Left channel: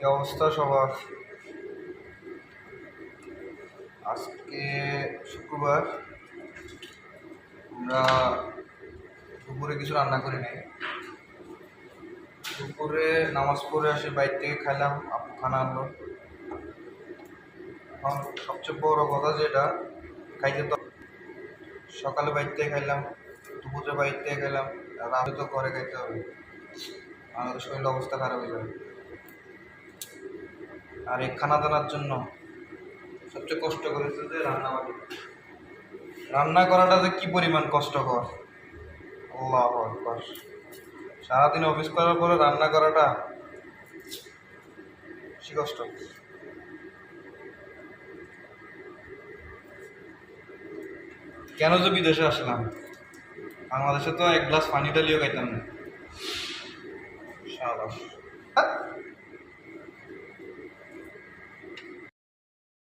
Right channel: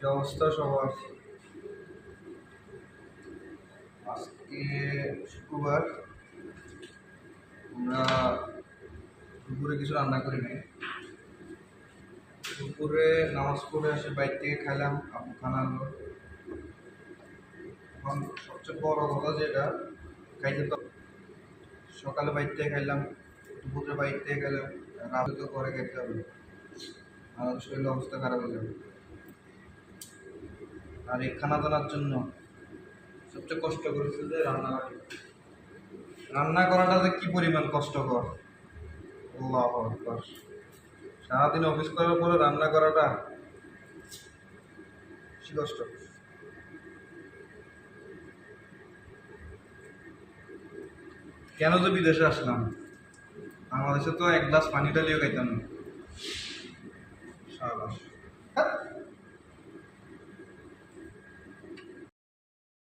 কি অবস্থা সবার? আজকে শুক্রবার, আমরা দুপুরে কিছু রান্না করি নাই। দুপুরে নামাজ পড়ে আসে বাইরে থেকে খাইলাম, আপু খানা আনলো। এখন সবচেয়ে বড় কথা যেটা, খাইতে তো সকালে বাইরে থেকে খাইলাম, দুপুরে বাইরে থেকে খাইলাম, রাতে তো ঘরে খাইতে হবে, আমাদের শরীর অবস্থা খারাপ হয়ে যাবে। আর এই খানা দানার জন্য সবচেয়ে কষ্ট করেছে যে রান্নাবাড়ি। রান্না করাটা যে কি পরিমাণ কষ্টকর, আল্লাহু আকবার। সারাদিন অফিস করার পরে রান্না করাটা বেশি কষ্ট। কেন যে বিদেশে আসলাম, বাংলাদেশে তো এক গ্লাস পানি ডালিও খাইতাম না। সাবাস।